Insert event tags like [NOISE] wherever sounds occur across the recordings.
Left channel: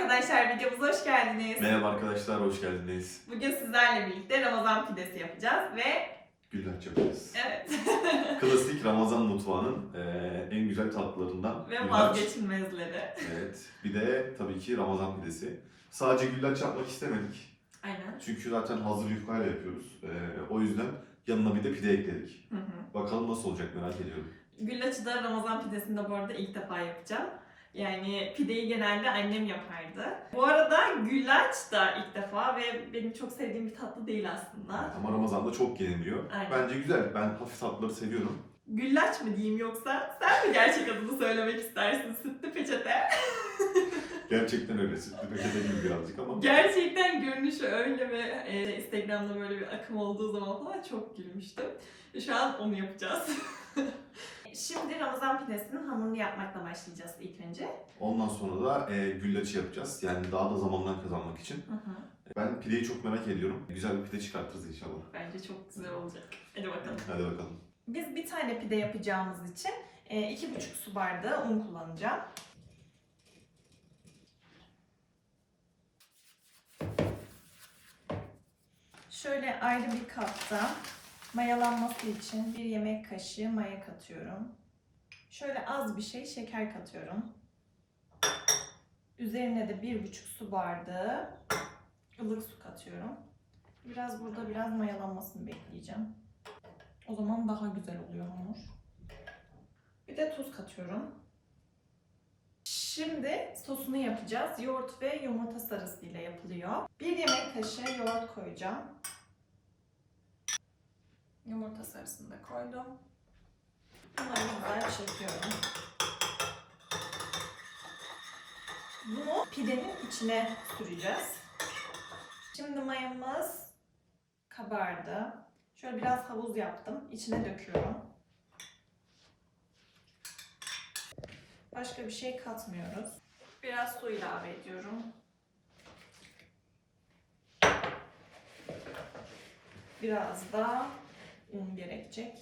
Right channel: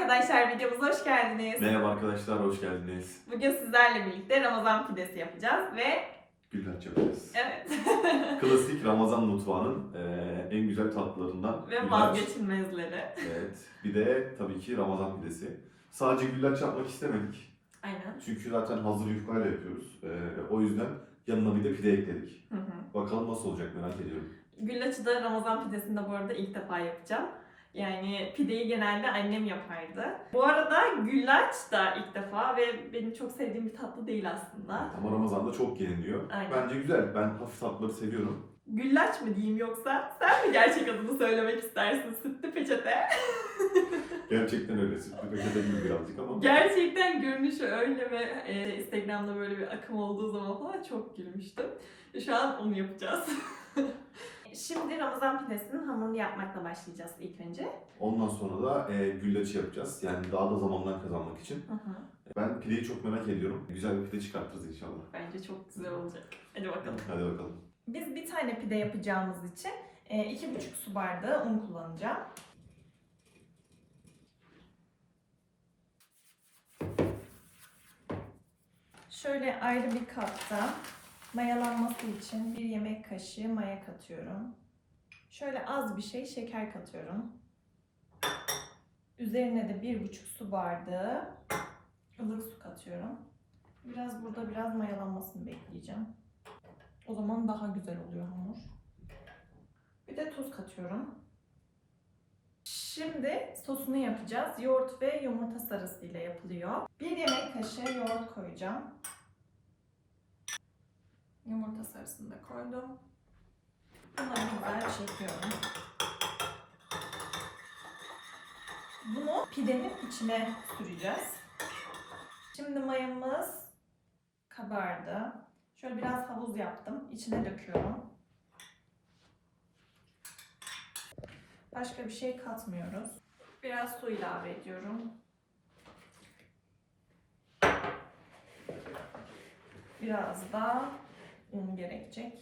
arkadaşlar videomuza hoş geldiniz. Merhaba arkadaşlar, hoş geldiniz. Bugün sizlerle birlikte Ramazan pidesi yapacağız ve Güllaç yapacağız. evet [LAUGHS] Klasik Ramazan mutfağının eee, en güzel tatlılarından ve güllaç. vazgeçilmezleri. Evet. Bir de tabii ki Ramazan pidesi. Sadece güllaç yapmak istemedik. Aynen. Çünkü zaten hazır yufkayla yapıyoruz. Eee, o yüzden yanına bir de pide ekledik. Hı hı. Bakalım nasıl olacak merak ediyorum. Güllaçı da Ramazan pidesinde bu arada ilk defa yapacağım. Yani pideyi genelde annem yapardı. Bu arada güllaç da ilk defa ve benim çok sevdiğim bir tatlı değil aslında. Ama Ramazan'da çok yeniliyor. Aynen. Bence güzel. Ben hafif tatlıları seviyorum. Güllaç mı diyeyim yoksa sen mi gerçek adını söylemek istersin sütlü peçete? [LAUGHS] Gerçekten öyle. Sütlü peçete gibi birazcık ama. Gerçekten görünüşü öyle ve e, Instagram'da böyle bir akım olduğu zaman falan çok gülmüştüm. Şu an onu yapacağız. [LAUGHS] Şimdi Ramazan pidesinin hamurunu yapmakla başlayacağız ilk önce. Ondan sonra da eee güllaçı yapacağız. Yani daha da zamandan kazanmak için. Ben pideyi çok merak ediyorum. Güzel bir pide çıkartırız inşallah. Bence çok güzel olacak. Hadi bakalım. Hadi bakalım. Biz bir tane pide yapacağımız için e, iki buçuk su bardağı un kullanacağım. Şöyle ayrı bir kapta mayalanması için bir yemek kaşığı maya katıyorum. Şöyle az bir şey şeker katıyorum. Üzerine de bir buçuk su bardağı ılık su katıyorum. Biraz burada biraz mayalanmasını bekleyeceğim. O zaman daha güzel oluyor hamur. Bir de tuz katıyorum. Şimdi sosunu yapacağız. Yoğurt ve yumurta sarısıyla yapılıyor. Bir yemek kaşığı yoğurt koyacağım. Yumurta sarısını da koydum. Bunları güzel çekiyorum. Bunu pidenin içine süreceğiz. Şimdi mayamız kabardı. Şöyle biraz havuz yaptım. İçine döküyorum. Başka bir şey katmıyoruz. Biraz su ilave ediyorum. Biraz da un gerekecek.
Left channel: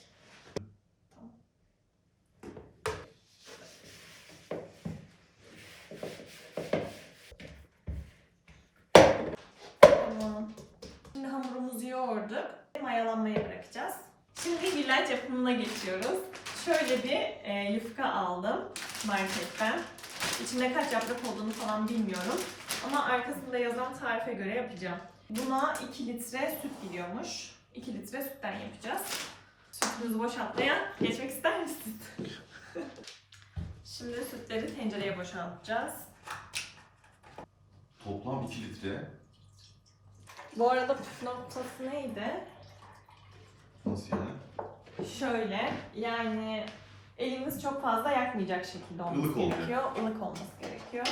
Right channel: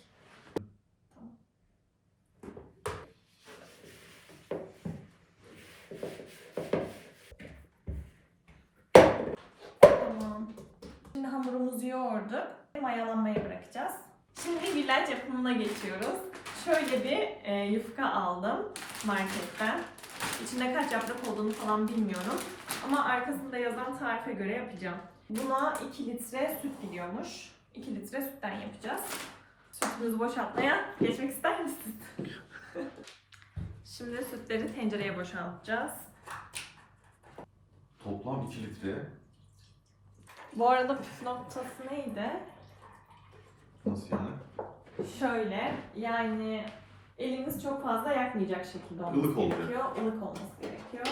Tamam. Şimdi hamurumuzu yoğurduk. Mayalanmaya bırakacağız. Şimdi güllaç yapımına geçiyoruz. Şöyle bir e, yufka aldım marketten. İçinde kaç yaprak olduğunu falan bilmiyorum. Ama arkasında yazan tarife göre yapacağım. Buna 2 litre süt gidiyormuş. 2 litre sütten yapacağız. Sütümüzü boşaltmaya geçmek ister misin? Şimdi sütleri tencereye boşaltacağız. Toplam 2 litre. Bu arada püf noktası neydi? Nasıl yani? Şöyle yani elimiz çok fazla yakmayacak şekilde olması Ilık olacak. gerekiyor. Ilık olması gerekiyor.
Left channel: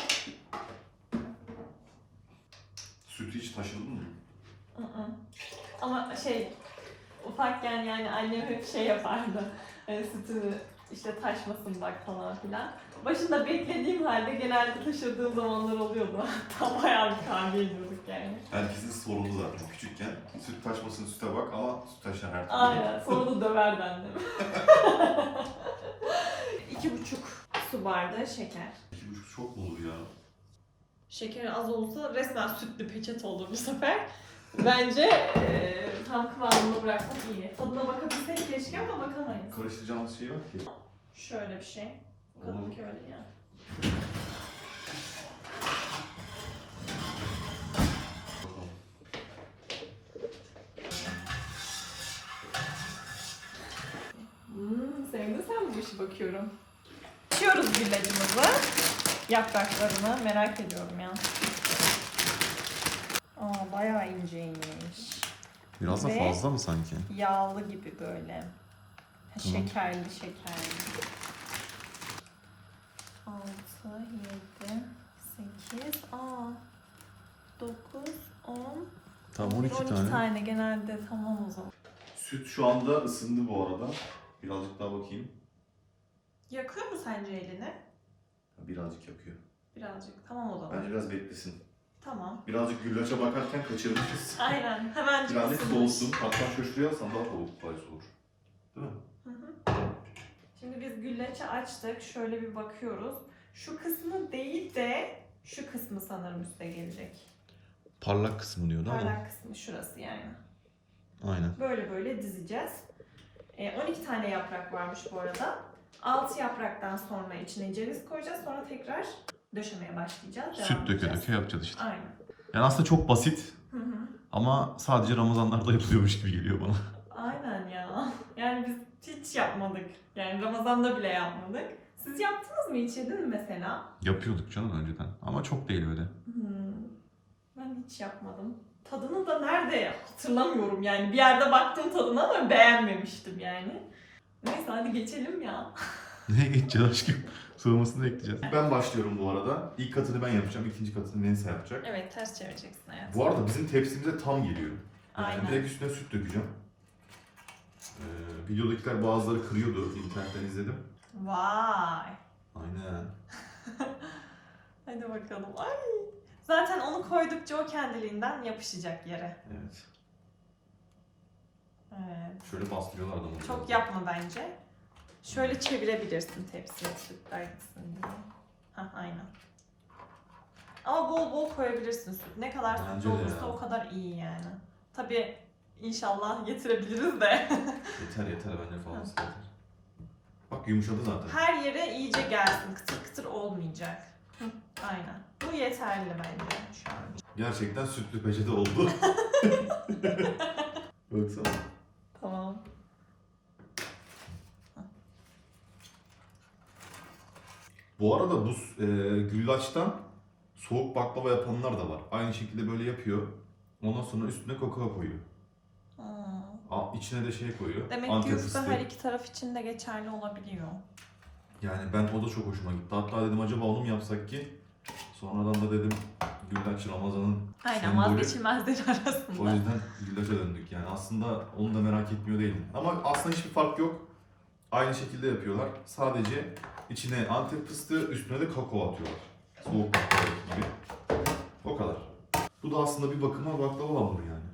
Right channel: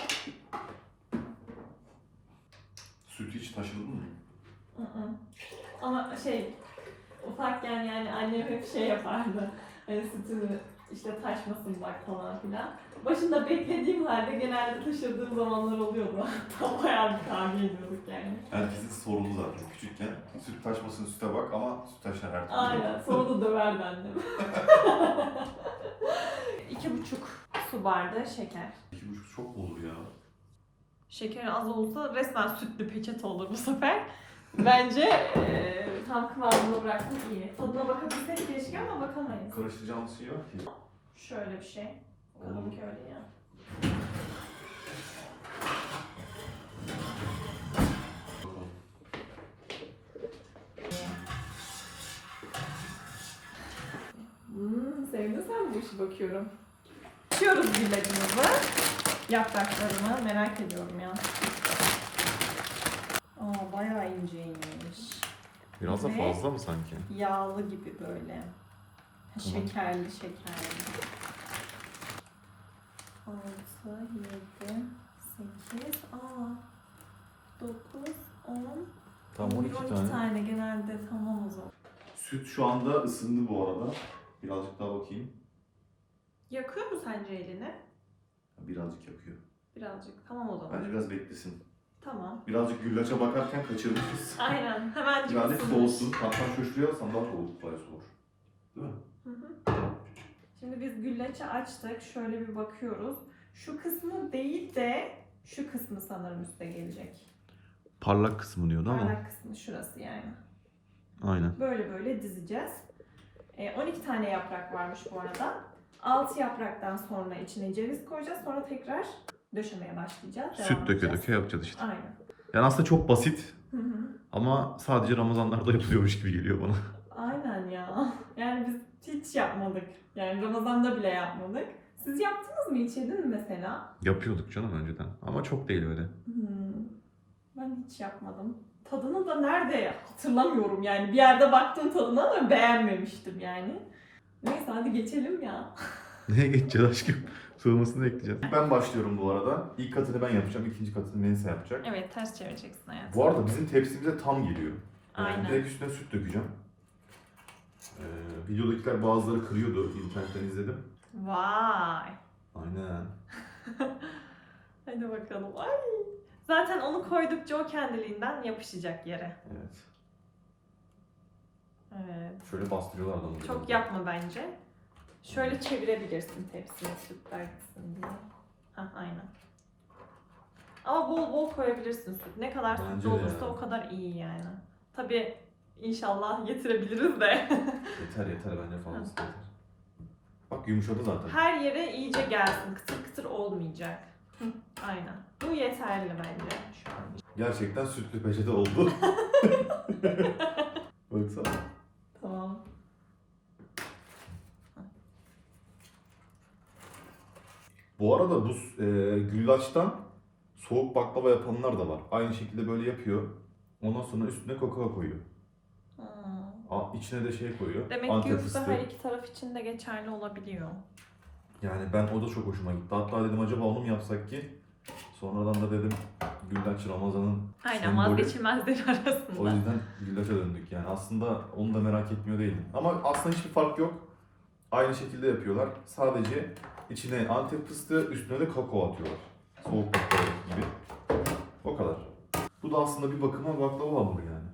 Sütü hiç taşıdın mı? Hı hı. Ama şey ufakken yani annem hep şey yapardı. Hani sütünü işte taşmasın bak falan filan. Başında beklediğim halde genelde taşırdığım zamanlar oluyordu. [LAUGHS] Hatta bayağı bir kavga ediyorduk yani. Herkesin sorunu zaten küçükken. Süt taşmasın süte bak ama süt taşar her türlü. Aynen. Sonra da döverdi annem. [LAUGHS] İki buçuk su bardağı şeker. İki buçuk çok olur ya? Şeker az olsa resmen sütlü peçete olur bu sefer. Bence eee, tam kıvamını bıraktım iyi. Tadına bakabilsek keşke ama bakamayız. Karıştıracağımız şey yok ki. Şöyle bir şey. Bakalım ki öyle ya. Hmm, sevdin sen bu işi bakıyorum. Açıyoruz güllacımızı. Yapraklarını merak ediyorum ya. Aa bayağı inceymiş. Biraz da Ve- fazla mı sanki? Yağlı gibi böyle. Ha, Şekerli şekerli. 6, 7, 8, aa 9, 10, Tam 12, 12 tane. tane. genelde tamam o zaman. Süt şu anda ısındı bu arada. Birazcık daha bakayım. Yakıyor mu sence elini? Birazcık yakıyor. Birazcık. Tamam o zaman. Bence biraz beklesin. Tamam. Birazcık güllaça bakarken kaçırmışız. Aynen. Hemen Birazcık soğusun. Hatta şöyle daha çabuk kolay soğur. Değil mi? Hı hı. Şimdi biz güllaçı açtık. Şöyle bir bakıyoruz. Şu kısmı değil de Şu kısmı sanırım üste gelecek. Parlak kısmı diyor değil mi? Parlak kısmı şurası yani. Aynen. Böyle böyle dizeceğiz. E, 12 tane yaprak varmış bu arada. 6 yapraktan sonra içine ceviz koyacağız. Sonra tekrar döşemeye başlayacağız. Devam Süt döke edeceğiz. döke yapacağız işte. Aynen. Yani aslında çok basit Hı hı. ama sadece Ramazanlarda [LAUGHS] yapılıyormuş gibi geliyor bana. Aynen ya. Yani biz hiç yapmadık. Yani Ramazan'da bile yapmadık. Siz yaptınız mı hiç yedin mi mesela? Yapıyorduk canım önceden ama çok değil öyle. Hmm. Ben hiç yapmadım. Tadını da nerede hatırlamıyorum yani. Bir yerde baktım tadına ama beğenmemiştim yani. Neyse hadi geçelim ya. [LAUGHS] Neye geçeceğiz aşkım? Soğumasını ekleyeceğiz. Ben başlıyorum bu arada. İlk katını ben yapacağım, ikinci katını Neyse yapacak. Evet ters çevireceksin hayatım. Bu arada bizim tepsimize tam geliyor. Yani Aynen. direkt üstüne süt dökeceğim. Ee, videodakiler bazıları kırıyordu. internetten izledim. Vay. Aynen. [LAUGHS] Hadi bakalım. Ay. Zaten onu koydukça o kendiliğinden yapışacak yere. Evet. Evet. Şöyle bastırıyorlar da bunu. Çok yapma bence. Şöyle çevirebilirsin tepsiye sütler diye. Hah aynen. Ama bol bol koyabilirsin süt. Ne kadar süt Bence de olursa ya. o kadar iyi yani. Tabii inşallah getirebiliriz de. [LAUGHS] Yeter yeter bence fazlası yeter. Bak yumuşadı zaten. Her yere iyice gelsin. Kıtır kıtır olmayacak. Hı, aynen. Bu yeterli bence şu an. Gerçekten sütlü peçete oldu. [LAUGHS] Baksana. Tamam. Bu arada bu e, güllaçtan soğuk baklava yapanlar da var. Aynı şekilde böyle yapıyor. Ondan sonra üstüne kakao koyuyor. Aa. İçine de şey koyuyor. Demek ki Antep yufka fıstığı. her iki taraf için de geçerli olabiliyor. Yani ben o da çok hoşuma gitti. Hatta dedim acaba onu mu yapsak ki? Sonradan da dedim güllaç Ramazan'ın Aynen Sembolü. vazgeçilmezleri [LAUGHS] arasında. O yüzden güllaça döndük yani. Aslında onu da merak etmiyor değilim. Ama aslında hiçbir fark yok. Aynı şekilde yapıyorlar. Sadece içine antep fıstığı, üstüne de kakao atıyorlar. Soğuk baklava gibi. O kadar. Bu da aslında bir bakıma baklava hamuru yani.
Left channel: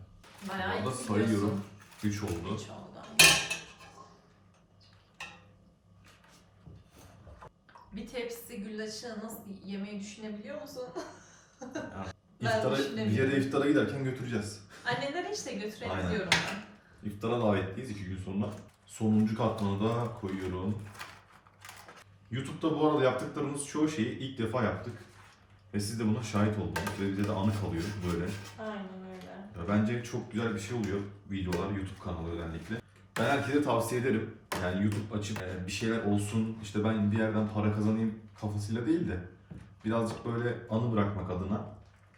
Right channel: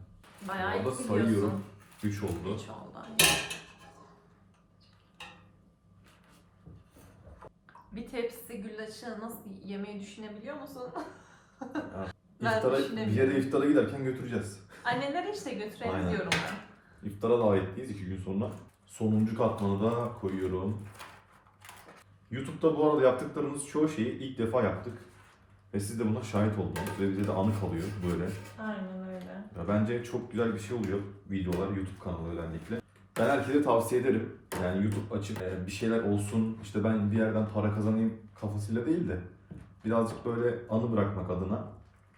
Bayağı Orada iyi sayıyorum. gidiyorsun. 3 oldu. Hiç oldu. Bir tepsi güllaçı nasıl yemeyi düşünebiliyor musun? [LAUGHS] Ben İftara, bir düşünemiyorum. yere iftara giderken götüreceğiz. Annelere işte götürebiliyorum ben. İftara davetliyiz 2 gün sonra. Sonuncu katmanı da koyuyorum. YouTube'da bu arada yaptıklarımız çoğu şeyi ilk defa yaptık. Ve siz de buna şahit oldunuz ve bize de anı kalıyor böyle. Aynen öyle. Ya bence çok güzel bir şey oluyor videolar, YouTube kanalı özellikle. Ben herkese tavsiye ederim. Yani YouTube açıp e, bir şeyler olsun, işte ben bir yerden para kazanayım kafasıyla değil de birazcık böyle anı bırakmak adına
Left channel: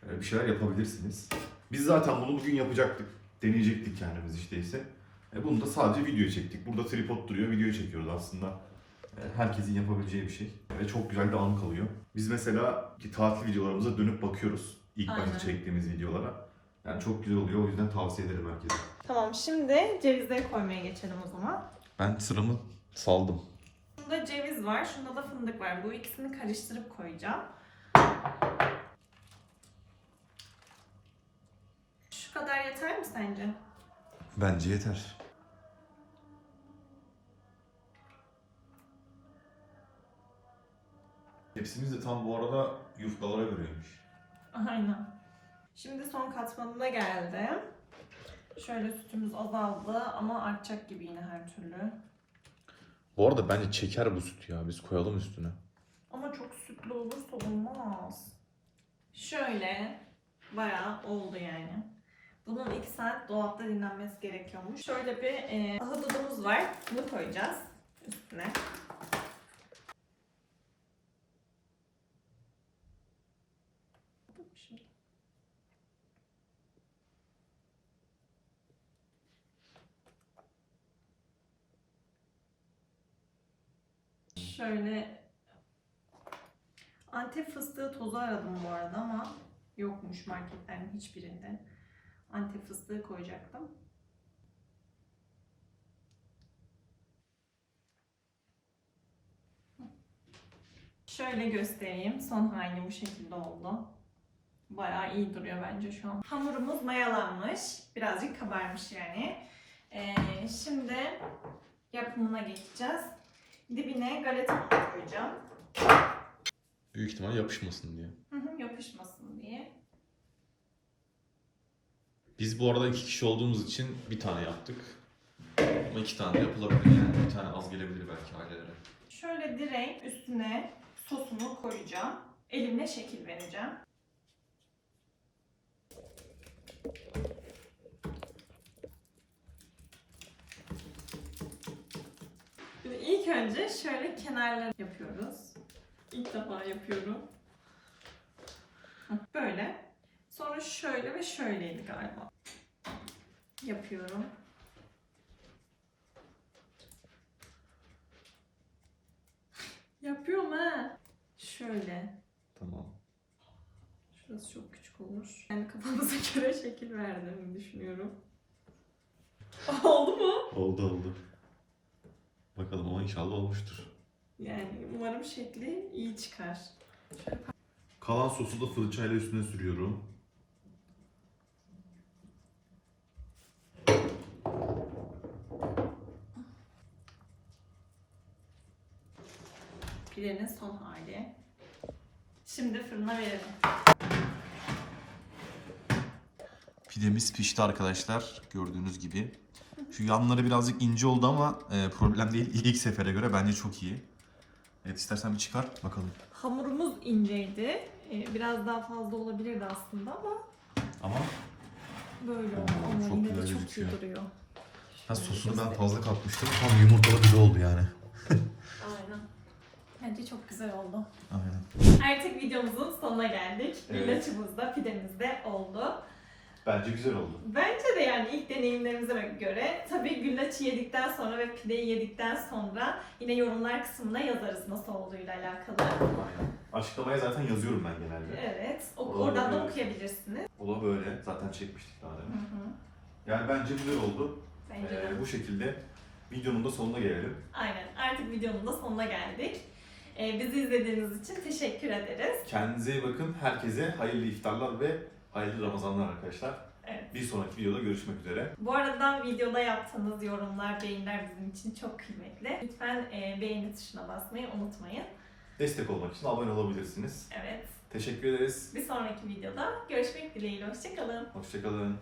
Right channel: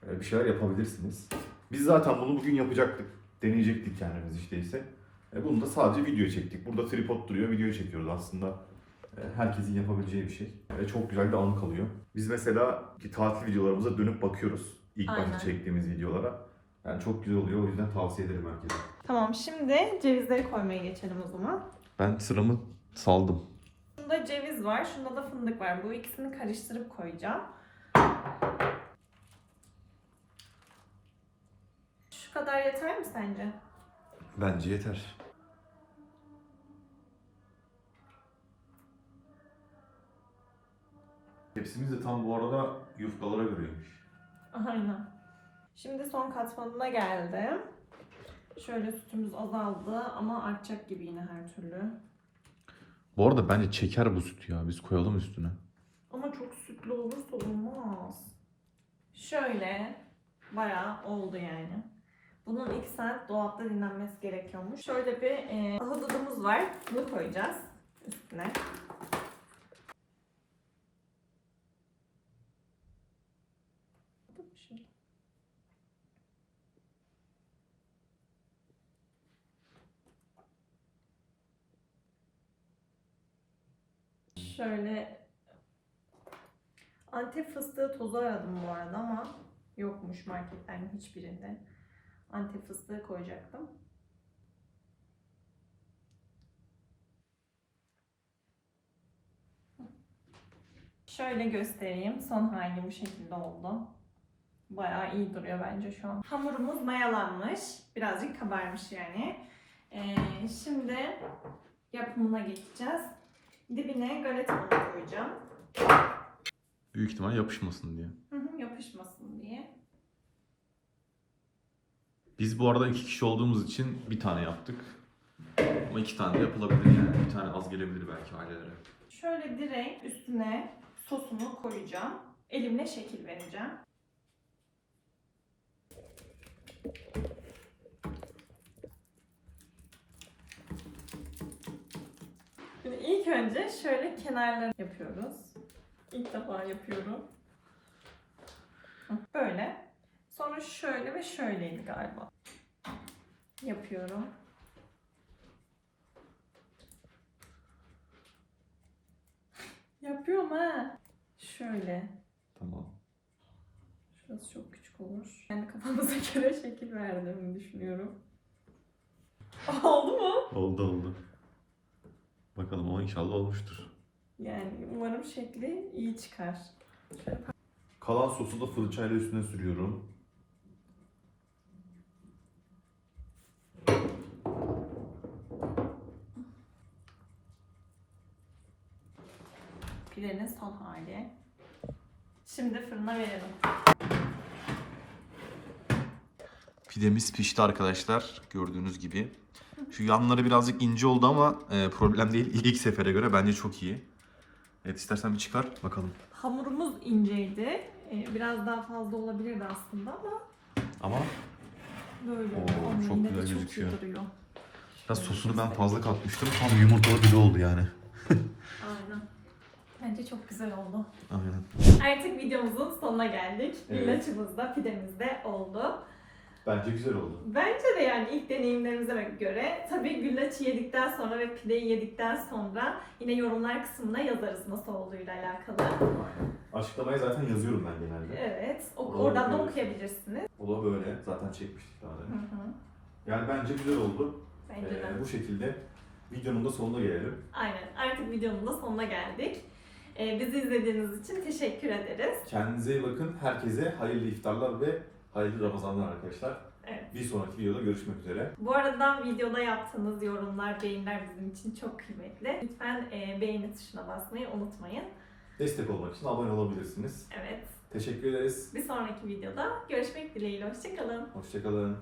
e, bir şeyler yapabilirsiniz. Biz zaten bunu bugün yapacaktık. Deneyecektik kendimiz işte ise. E, bunu da sadece video çektik. Burada tripod duruyor, video çekiyoruz aslında. E, herkesin yapabileceği bir şey. Ve çok güzel bir anı kalıyor. Biz mesela ki tatil videolarımıza dönüp bakıyoruz. İlk Aynen. başta çektiğimiz videolara. Yani çok güzel oluyor. O yüzden tavsiye ederim herkese. Tamam şimdi cevizleri koymaya geçelim o zaman. Ben sıramı saldım. Bunda ceviz var, şunda da fındık var. Bu ikisini karıştırıp koyacağım. Şu kadar yeter mi sence? Bence yeter. Hepsimiz de tam bu arada yufkalara göreymiş. Aynen. Şimdi son katmanına geldim. Şöyle sütümüz azaldı ama artacak gibi yine her türlü. Bu arada bence çeker bu süt ya. Biz koyalım üstüne. Ama çok sütlü olursa olmaz. Şöyle bayağı oldu yani. Bunun 2 saat dolapta dinlenmesi gerekiyormuş. Şöyle bir e, ahududumuz var. Bunu koyacağız üstüne. Şöyle. Şöyle Antep fıstığı tozu aradım bu arada ama yokmuş marketlerin hiçbirinde. Antep fıstığı koyacaktım. Şöyle göstereyim. Son hali bu şekilde oldu. Bayağı iyi duruyor bence şu an. Hamurumuz mayalanmış. Birazcık kabarmış yani. Ee, şimdi yapımına geçeceğiz. Dibine galeta koyacağım. Büyük ihtimal yapışmasın diye. Hı hı, yapışmasın diye. Biz bu arada iki kişi olduğumuz için bir tane yaptık. Ama iki tane de yapılabilir yani. Bir tane az gelebilir belki ailelere. Şöyle direkt üstüne sosunu koyacağım. Elimle şekil vereceğim. Şimdi ilk önce şöyle kenarları yapıyoruz. İlk defa yapıyorum. Böyle. Sonra şöyle ve şöyleydi galiba. Yapıyorum. Yapıyorum ha. Şöyle. Tamam. Şurası çok küçük olur. Yani kafamıza [LAUGHS] göre şekil verdiğimi düşünüyorum. Oldu mu? Oldu oldu. Bakalım ama inşallah olmuştur. Yani umarım şekli iyi çıkar. Kalan sosu da fırçayla üstüne sürüyorum. Pidenin son hali. Şimdi fırına verelim. Pidemiz pişti arkadaşlar gördüğünüz gibi. Şu yanları birazcık ince oldu ama e, problem değil. [LAUGHS] İlk sefere göre bence çok iyi. Evet istersen bir çıkar bakalım. Hamurumuz inceydi. Ee, Biraz daha fazla olabilirdi aslında ama Ama böyle Oo. Ama çok yine de güzel çok gözüküyor. iyi duruyor. biraz sosunu ben fazla katmıştım. Tam yumurtalı pide oldu yani. [LAUGHS] Aynen. Bence çok güzel oldu. Aynen. Artık videomuzun sonuna geldik. Evet. Güllaçımız da pidemiz de oldu. Bence güzel oldu. Bence de yani ilk deneyimlerimize göre tabii güllaçı yedikten sonra ve pideyi yedikten sonra yine yorumlar kısmına yazarız nasıl olduğuyla alakalı. Aynen. Açıklamaya zaten yazıyorum ben genelde. Evet, o- Oradan oradan da bakıyoruz. okuyabilirsiniz. O da böyle. Zaten çekmiştik daha Hı demin. hı. Yani bence güzel oldu. Bence de. Ee, bu şekilde videonun da sonuna gelelim. Aynen, artık videonun da sonuna geldik. Ee, bizi izlediğiniz için teşekkür ederiz. Kendinize iyi bakın. Herkese hayırlı iftarlar ve hayırlı Ramazanlar arkadaşlar. Evet. Bir sonraki videoda görüşmek üzere. Bu arada videoda yaptığınız yorumlar, beğeniler bizim için çok kıymetli. Lütfen e, beğeni tuşuna basmayı unutmayın. Destek olmak için abone olabilirsiniz. Evet, Teşekkür ederiz. bir sonraki videoda görüşmek dileğiyle. Hoşçakalın. Hoşçakalın.